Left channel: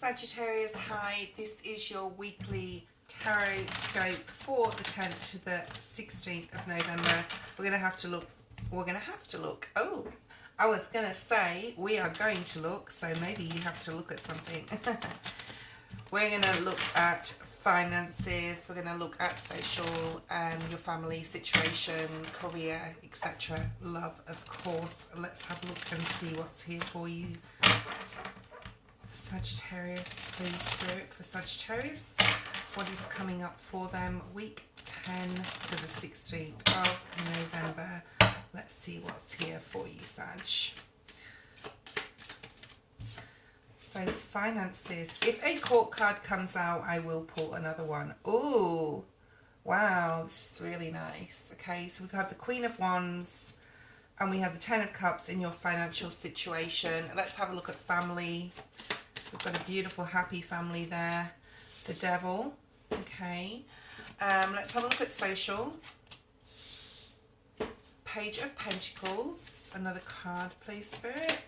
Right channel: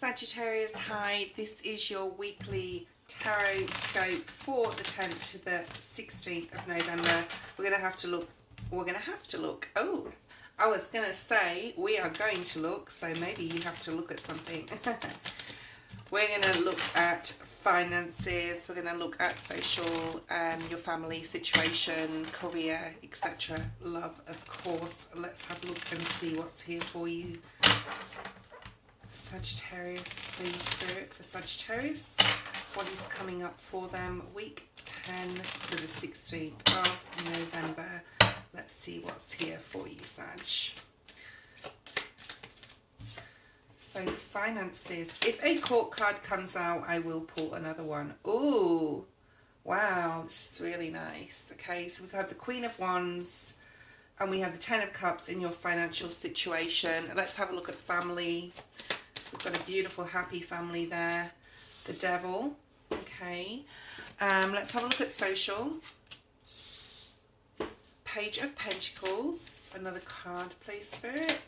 Sagittarius, hi. This is your weekly tarot scope for the 10th to the 16th of November. We're going to have to look. Oh, I was going to say we are going to look, so maybe you have to look at something. We're going to look at finances. We're going to look at social, your family situation, career, etc. Love, of course. Let's have a look and see what's here for you. Sagittarius, please, Spirit, for Sagittarius. What is coming up for them? Week 10 to the 16th of November. Let's see what's here for you, Sag. So, finances. If a court card comes out, I will pull another one. Ooh, wow, this is really nice. Okay, so we have the Queen of Wands and we have the Ten of Cups in your financial situation. Let's have a look at family. We've got a beautiful, happy family there. The Devil. Okay. Let's have a look at social. Page of Pentacles. Another card, please, Spirit.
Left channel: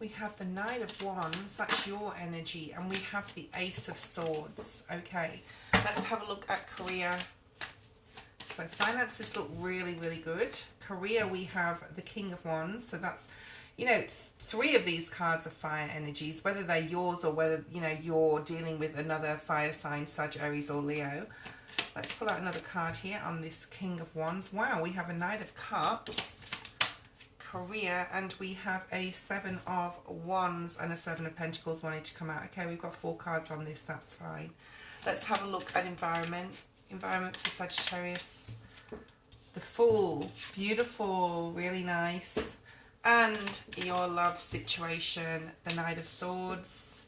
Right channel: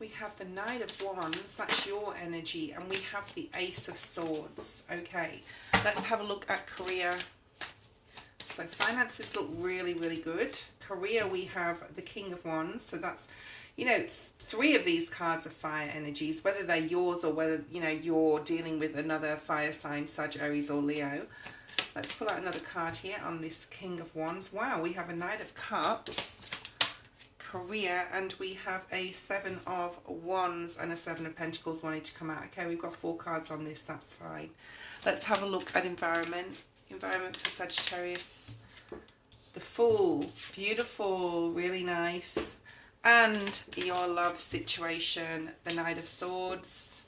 We have the Knight of Wands. That's your energy. And we have the Ace of Swords. Okay. Let's have a look at career. So finances look really, really good. Career, we have the King of Wands. So that's, you know, three of these cards are fire energies, whether they're yours or whether, you know, you're dealing with another fire sign, Sagittarius or Leo. Let's pull out another card here on this King of Wands. Wow, we have a Knight of Cups, career, and we have a Seven of Wands and a Seven of Pentacles wanting to come out. Okay, we've got 4 cards on this, that's fine. Let's have a look at environment. Environment for Sagittarius. The Fool, beautiful, really nice. And your love situation, the Knight of Swords.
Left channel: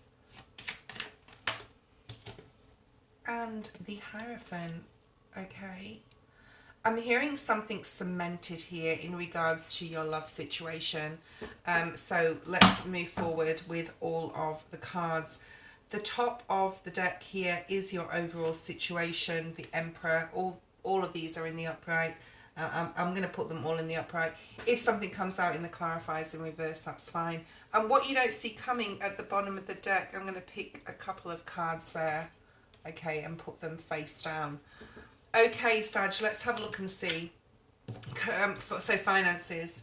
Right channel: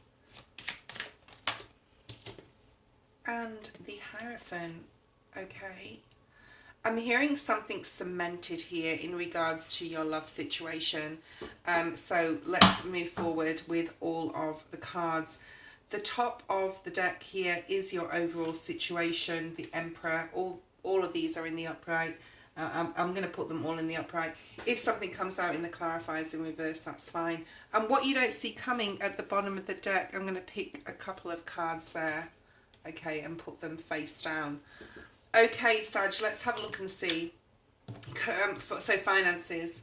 And the Hierophant, okay. I'm hearing something cemented here in regards to your love situation. So let's move forward with all of the cards. The top of the deck here is your overall situation, the Emperor. All of these are in the upright. I'm going to put them all in the upright. If something comes out in the clarifiers in reverse, that's fine. And what you don't see coming at the bottom of the deck, I'm going to pick a couple of cards there, okay, and put them face down. Okay, Sag, let's have a look and see. So finances.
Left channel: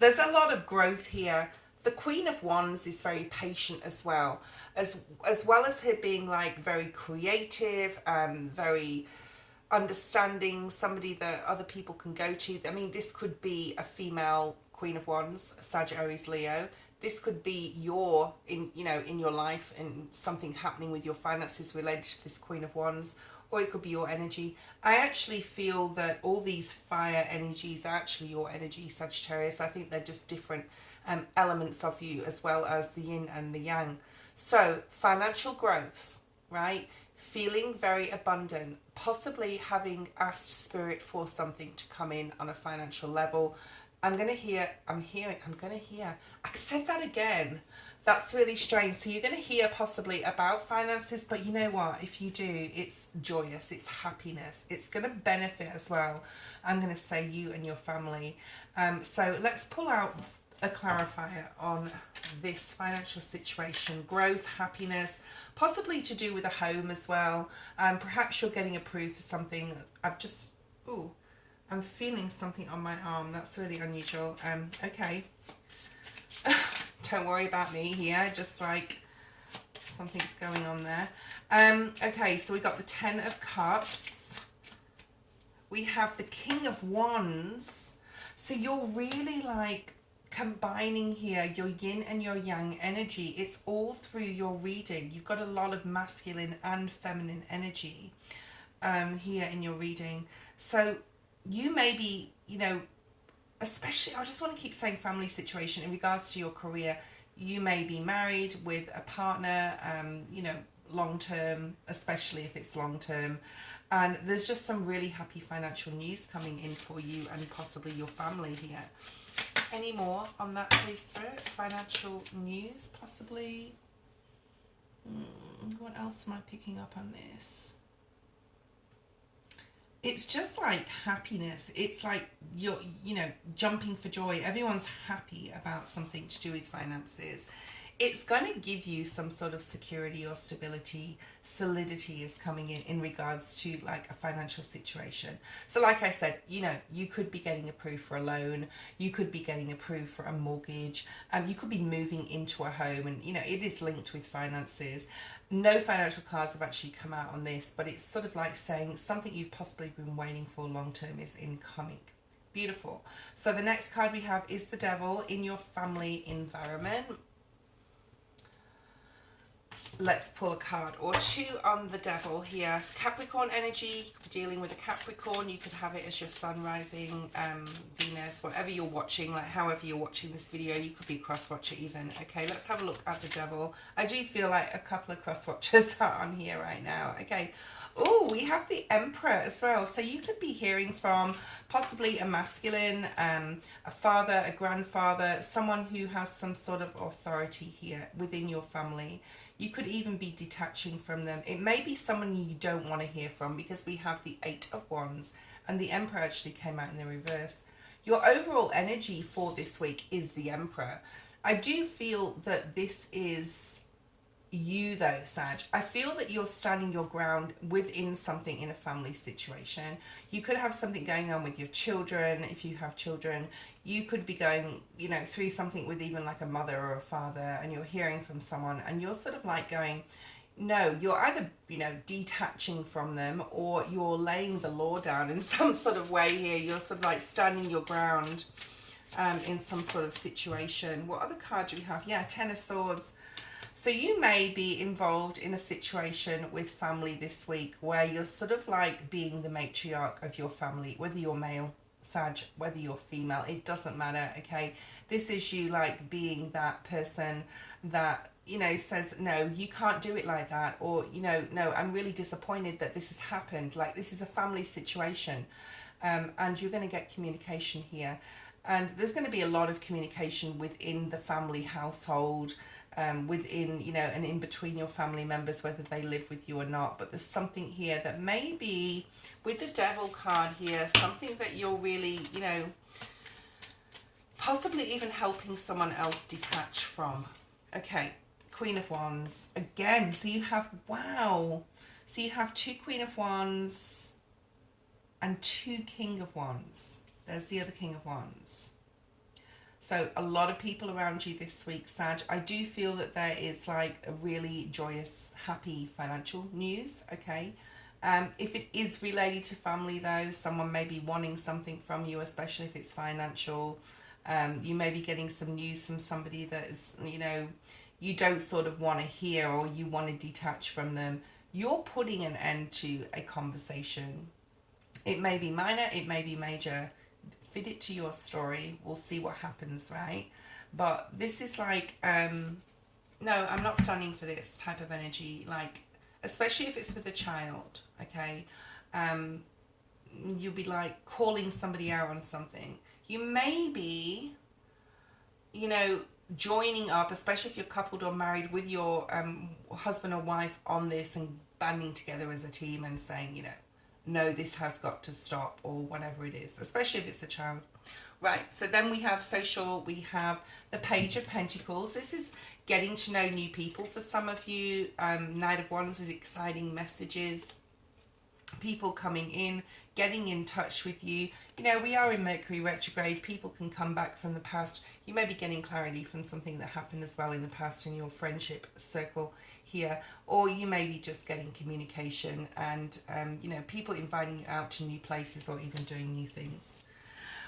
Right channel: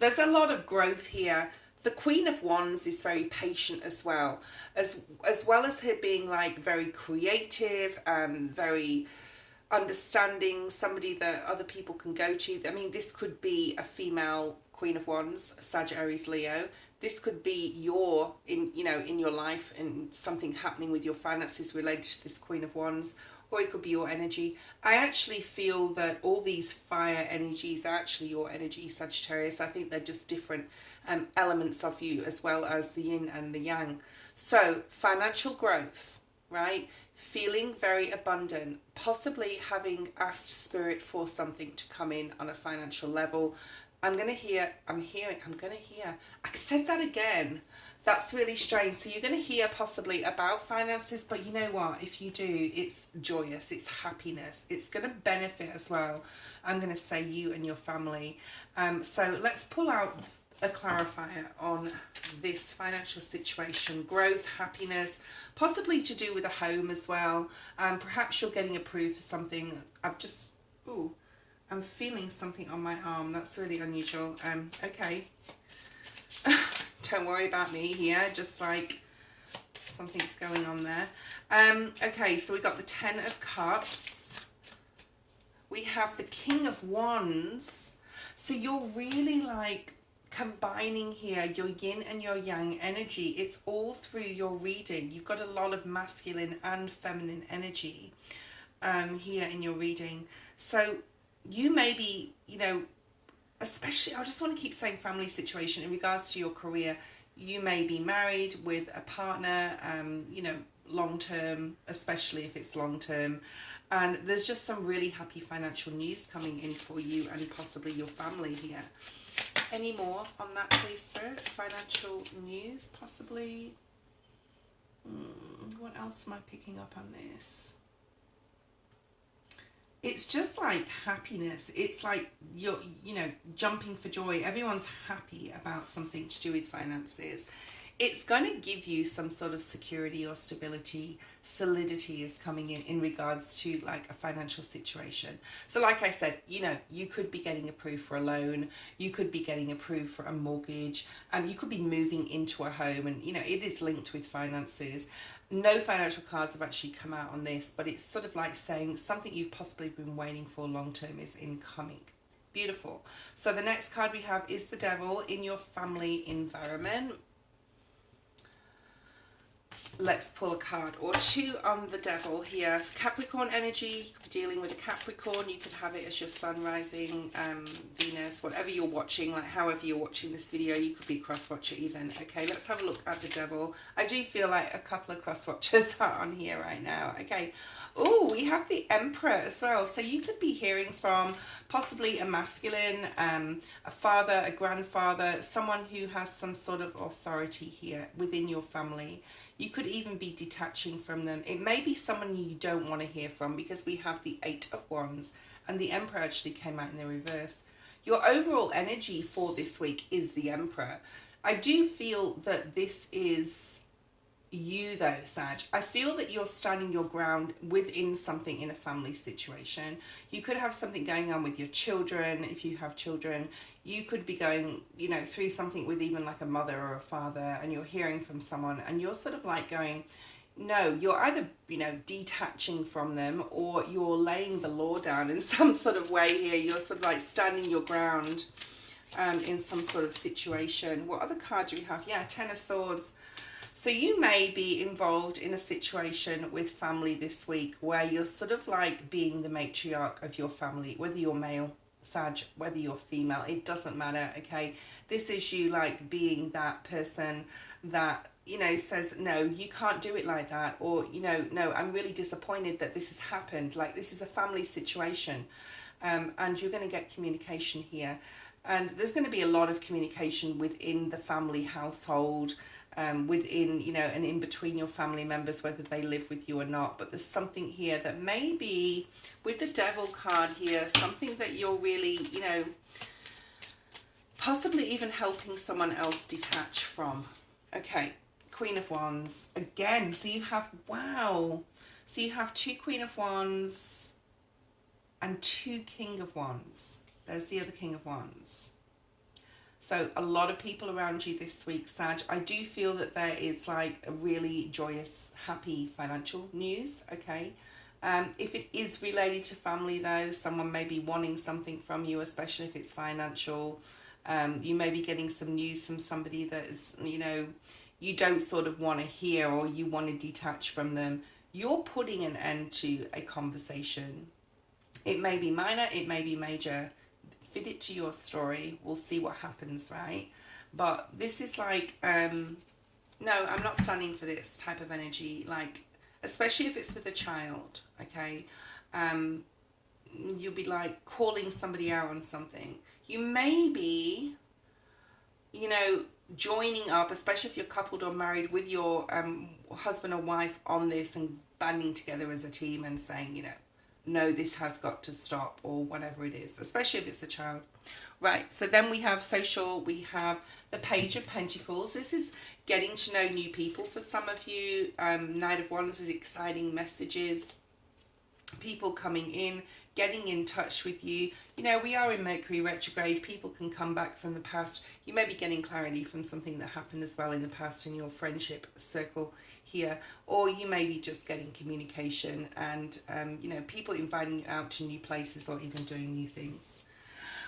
There's a lot of growth here. The Queen of Wands is very patient as well. As well as her being like very creative, very understanding, somebody that other people can go to. I mean, this could be a female Queen of Wands, Sagittarius, Leo. This could be your, in your life and something happening with your finances related to this Queen of Wands, or it could be your energy. I actually feel that all these fire energies are actually your energy, Sagittarius. I think they're just different elements of you, as well as the yin and the yang. So, financial growth, right? Feeling very abundant, possibly having asked Spirit for something to come in on a financial level. I said that again. That's really strange. So you're going to hear possibly about finances, but you know what? If you do, it's joyous, it's happiness. It's going to benefit as well. I'm going to say you and your family. So let's pull out a clarifier on this financial situation. Growth, happiness, possibly to do with a home as well. Perhaps you're getting approved for something. I'm feeling something on my arm. That's really unusual. Okay. Don't worry about me here. Just like something's going on there. Okay, so we got the Ten of Cups. We have the King of Wands. So you're really like combining here your yin and your yang energy. It's all through your reading. You've got a lot of masculine and feminine energy here in your reading. So you may be, especially, I just want to keep saying family situation in regards to your career. You may be married with a partner, long term, especially if it's long term. And there's just some really happy financial news coming in for you and possibly your family here. Any more on that, please, Spirit? Financial news, possibly. What else am I picking up on this? it's just like happiness. It's like you're, you know, jumping for joy. Everyone's happy about something to do with finances. It's going to give you some sort of security or stability. Solidity is coming in regards to like a financial situation. So like I said, you know, you could be getting approved for a loan, you could be getting approved for a mortgage, you could be moving into a home, and you know, it is linked with finances. No financial cards have actually come out on this, but it's sort of like saying something you've possibly been waiting for long term is incoming. Beautiful. So the next card we have is the Devil in your family environment. Let's pull a card or two on the Devil here. Capricorn energy, you could be dealing with a Capricorn. You could have it as your sun, rising, Venus, whatever you're watching, like however you're watching this video. You could be a cross-watcher even. Okay, let's have a look at the Devil. I do feel like a couple of cross-watchers are on here right now. Okay. Oh, we have the Emperor as well. So you could be hearing from possibly a masculine, a father, a grandfather, someone who has some sort of authority here within your family. You could even be detaching from them. It may be someone you don't want to hear from, because we have the Eight of Wands and the Emperor actually came out in the reverse. Your overall energy for this week is the Emperor. I do feel that this is you though, Sag. I feel that you're standing your ground within something in a family situation. You could have something going on with your children. If you have children, you could be going, you know, through something with even like a mother or a father, and you're hearing from someone and you're sort of like going, no, you're either, you know, detaching from them, or you're laying the law down in some sort of way here. You're sort of like standing your ground in some sort of situation. What other card do we have? Yeah, Ten of Swords. So you may be involved in a situation with family this week where you're sort of like being the matriarch of your family, whether you're male, Sag, whether you're female, it doesn't matter, okay? This is you like being that person that, you know, says, no, you can't do it like that, or, you know, no, I'm really disappointed that this has happened. Like, this is a family situation, and you're going to get communication here. And there's going to be a lot of communication within the family household, within, you know, and in between your family members, whether they live with you or not. But there's something here that maybe with the Devil card here, something that you're really, you know, possibly even helping someone else detach from. Okay, Queen of Wands again. So you have, wow, so you have two Queen of Wands and two King of Wands. There's the other King of Wands. So a lot of people around you this week, Sag. I do feel that there is like a really joyous, happy financial news, okay? If it is related to family though, someone may be wanting something from you, especially if it's financial. You may be getting some news from somebody that is, you know, you don't sort of want to hear, or you want to detach from them. You're putting an end to a conversation. It may be minor, it may be major. Fit it to your story. We'll see what happens, right? But this is like, no, I'm not standing for this type of energy. Like, especially if it's with a child, okay? You'll be like calling somebody out on something. You may be, you know, joining up, especially if you're coupled or married, with your husband or wife on this and banding together as a team and saying, you know, no, this has got to stop, or whatever it is, especially if it's a child. Right, so then we have social, we have the Page of Pentacles. This is getting to know new people for some of you. Knight of Wands is exciting messages, people coming in, getting in touch with you. You know, we are in Mercury retrograde. People can come back from the past. You may be getting clarity from something that happened as well in the past in your friendship circle here, or you may be just getting communication and you know, people inviting you out to new places or even doing new things.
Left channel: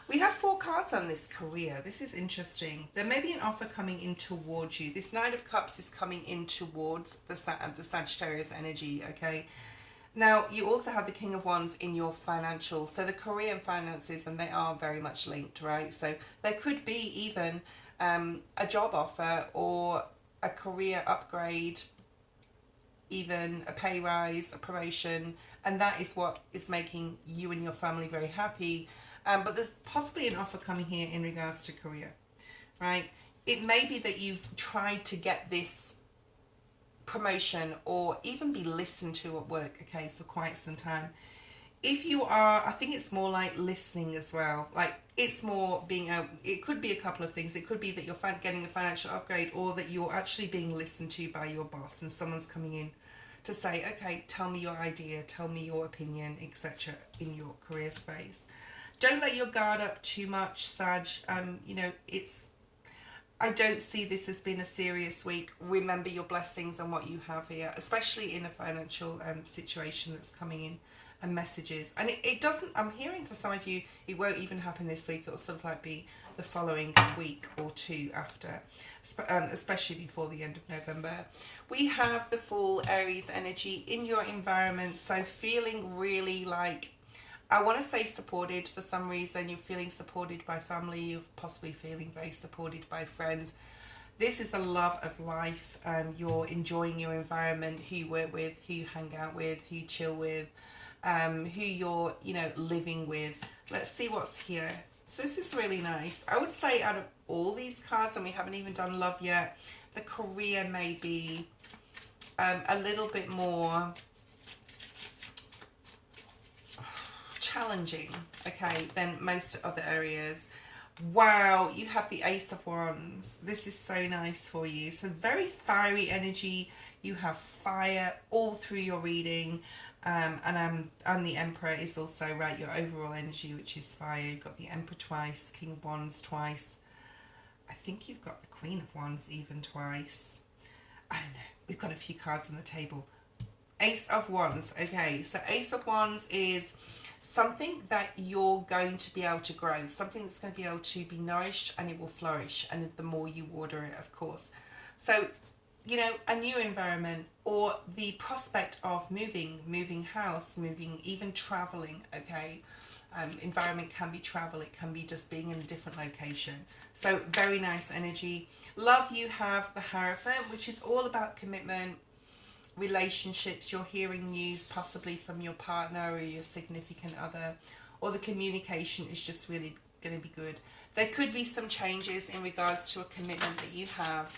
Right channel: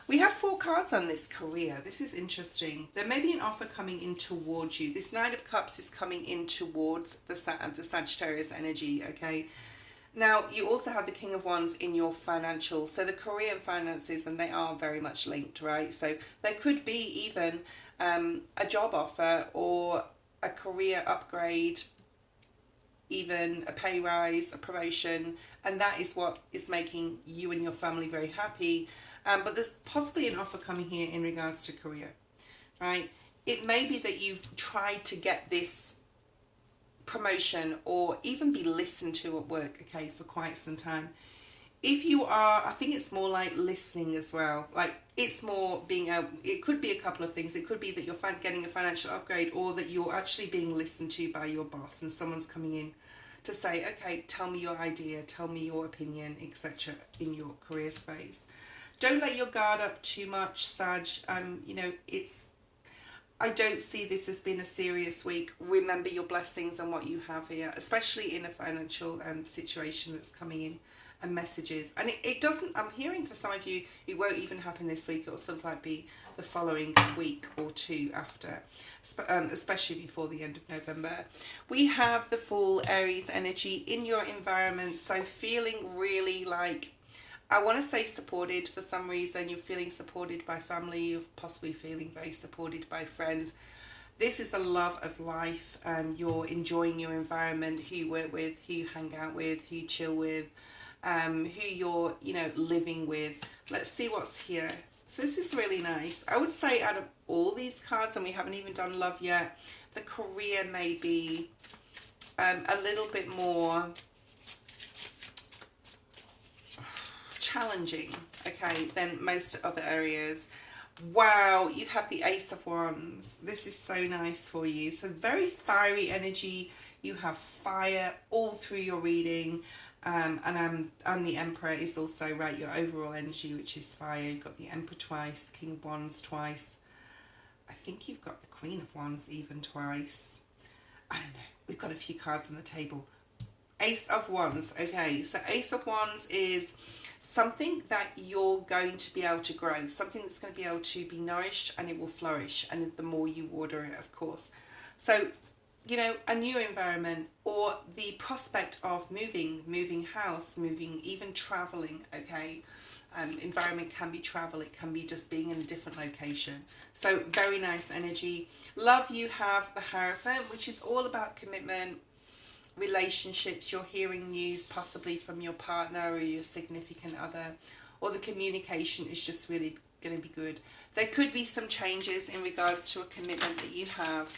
We have 4 cards on this career. This is interesting. There may be an offer coming in towards you. This Knight of Cups is coming in towards the Sagittarius energy, okay? Now, you also have the King of Wands in your financial, so the career and finances, and they are very much linked, right? So there could be even a job offer or a career upgrade, even a pay rise, a promotion, and that is what is making you and your family very happy. But there's possibly an offer coming here in regards to career, right? It may be that you've tried to get this promotion or even be listened to at work, okay, for quite some time. if you are, I think it's more like listening as well. Like it's more being a, it could be a couple of things. It could be that you're getting a financial upgrade, or that you're actually being listened to by your boss and someone's coming in to say, okay, tell me your idea, tell me your opinion, etc. in your career space. Don't let your guard up too much, Sag. You know, I don't see this as being a serious week. Remember your blessings and what you have here, especially in a financial situation that's coming in, and messages. And it doesn't, I'm hearing for some of you, it won't even happen this week. It will sort of like be the following week or two after, especially before the end of November. We have the full Aries energy in your environment. So feeling really like, I want to say supported for some reason. You're feeling supported by family. You're possibly feeling very supported by friends. This is the love of life. You're enjoying your environment, who you work with, who you hang out with, who you chill with, who you're, you know, living with. Let's see what's here. So this is really nice. I would say out of all these cards, and we haven't even done love yet, the career may be a little bit more challenging, okay, than most other areas. Wow, you have the Ace of Wands. This is so nice for you. So very fiery energy. You have fire all through your reading. And the Emperor is also, right, your overall energy, which is fire. You've got the Emperor twice, King of Wands twice. I think you've got the Queen of Wands even twice. I don't know. We've got a few cards on the table. Ace of Wands. Okay, so Ace of Wands is something that you're going to be able to grow, something that's going to be able to be nourished, and it will flourish, and the more you water it, of course. So, you know, a new environment, or the prospect of moving house, moving, even traveling, okay. Environment can be travel, it can be just being in a different location. So very nice energy. Love, you have the Hierophant, which is all about commitment, relationships. You're hearing news possibly from your partner or your significant other, or the communication is just really going to be good. There could be some changes in regards to a commitment that you have,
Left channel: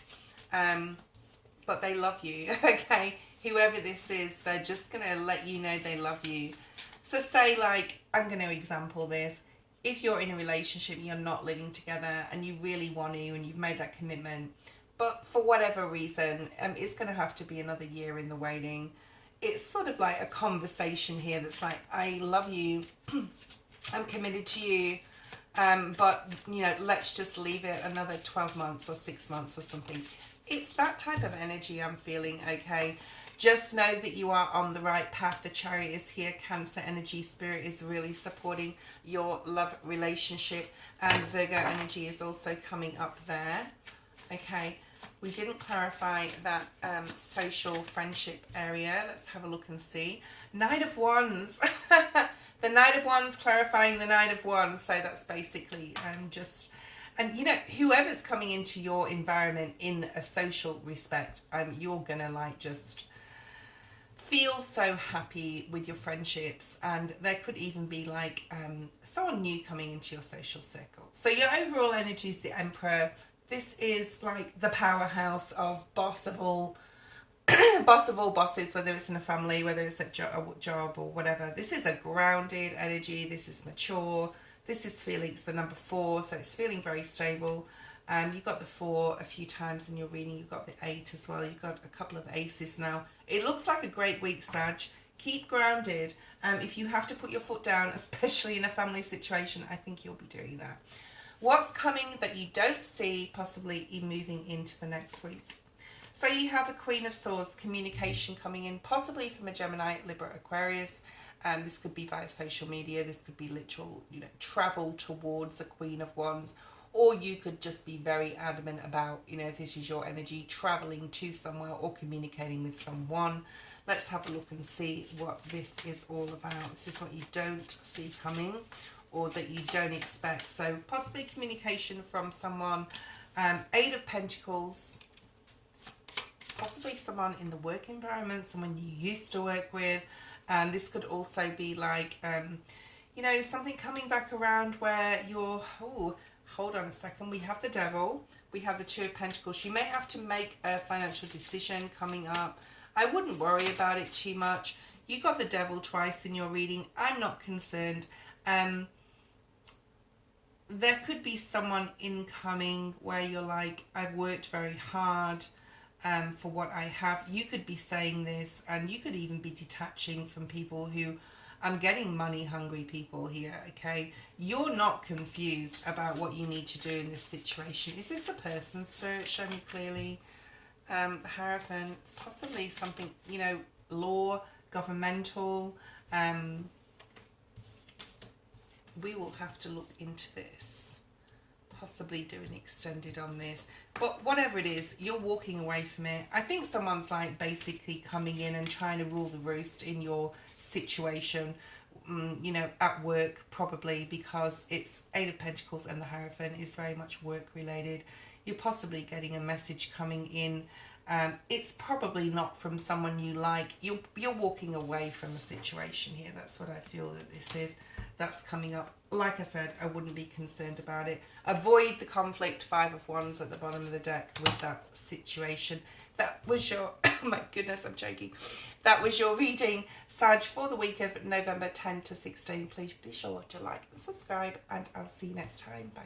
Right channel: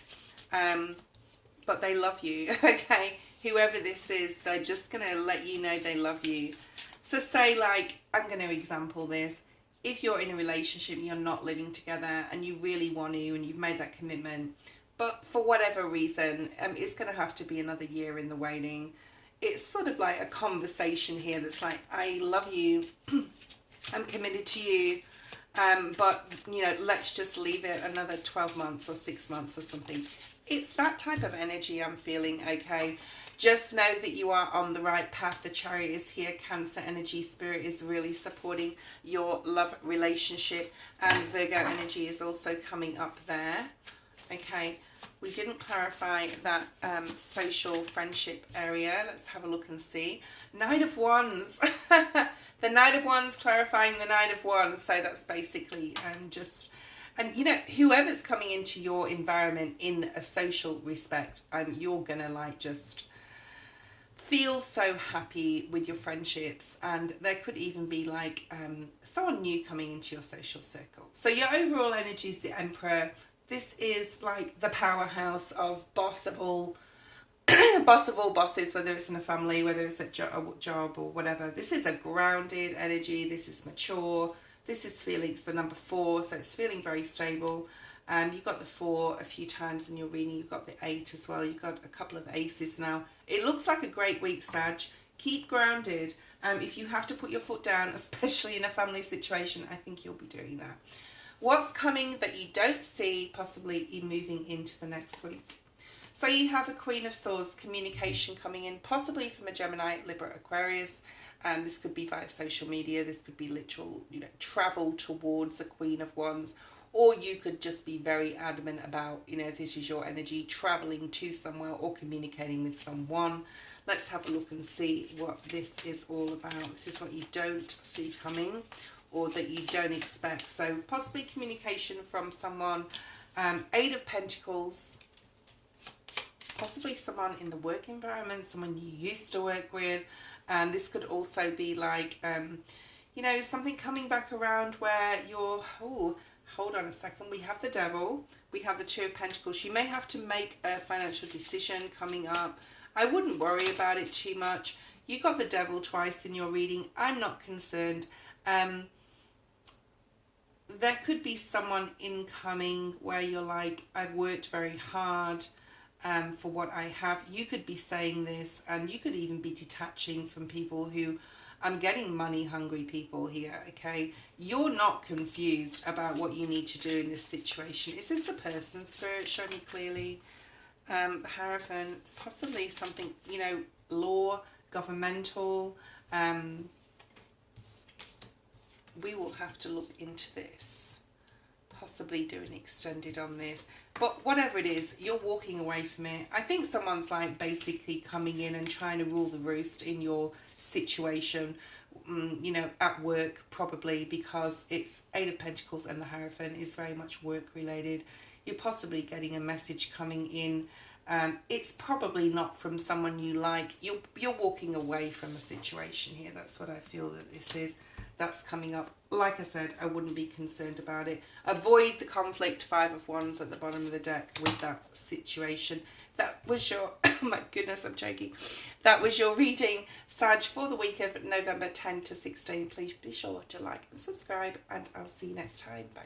but they love you, okay? Whoever this is, they're just going to let you know they love you. So say, like, I'm going to example this. If you're in a relationship and you're not living together and you really want to, and you've made that commitment, but for whatever reason, it's going to have to be another year in the waiting. It's sort of like a conversation here that's like, I love you, I'm committed to you, but, you know, let's just leave it another 12 months or 6 months or something. It's that type of energy I'm feeling, okay? Just know that you are on the right path. The Chariot is here. Cancer energy, Spirit is really supporting your love relationship. And Virgo energy is also coming up there. Okay, we didn't clarify that social friendship area. Let's have a look and see. Knight of Wands. The Knight of Wands clarifying the Knight of Wands. So that's basically just... And, you know, whoever's coming into your environment in a social respect, you're going to, like, just feel so happy with your friendships. And there could even be, like, someone new coming into your social circle. So your overall energy is the Emperor. This is, like, the powerhouse of boss of all bosses, whether it's in a family, whether it's a job or whatever. This is a grounded energy. This is mature. This is feeling, it's the number 4, so it's feeling very stable. You've got the 4 a few times in your reading. You've got the 8 as well. You've got a couple of aces now. It looks like a great week, Sag. Keep grounded. If you have to put your foot down, especially in a family situation, I think you'll be doing that. What's coming that you don't see, possibly moving into the next week? So you have a Queen of Swords, communication coming in, possibly from a Gemini, Libra, Aquarius. This could be via social media. This could be literal, you know, travel towards the Queen of Wands. Or you could just be very adamant about, you know, if this is your energy, traveling to somewhere or communicating with someone. Let's have a look and see what this is all about. This is what you don't see coming or that you don't expect. So possibly communication from someone. 8 of Pentacles. Possibly someone in the work environment, someone you used to work with. This could also be like, you know, something coming back around where you're, oh, hold on a second. We have the Devil. We have the 2 of Pentacles. You may have to make a financial decision coming up. I wouldn't worry about it too much. You got the devil twice in your reading. I'm not concerned. There could be someone incoming where you're like, I've worked very hard for what I have. You could be saying this, and you could even be detaching from people who, I'm getting money hungry people here, okay? You're not confused about what you need to do in this situation. Is this a person, Spirit? Show me clearly. The Hierophant, it's possibly something, you know, law, governmental. We will have to look into this. Possibly do an extended on this. But whatever it is, you're walking away from it. I think someone's like basically coming in and trying to rule the roost in your situation, you know, at work probably, because it's Eight of Pentacles and the Hierophant is very much work related. You're possibly getting a message coming in. It's probably not from someone you like. You're walking away from the situation here. That's what I feel that this is. That's coming up. Like I said, I wouldn't be concerned about it. Avoid the conflict. Five of Wands at the bottom of the deck with that situation. That was your, oh my goodness, I'm joking. That was your reading, Sag, for the week of November 10 to 16. Please be sure to like and subscribe, and I'll see you next time. Bye.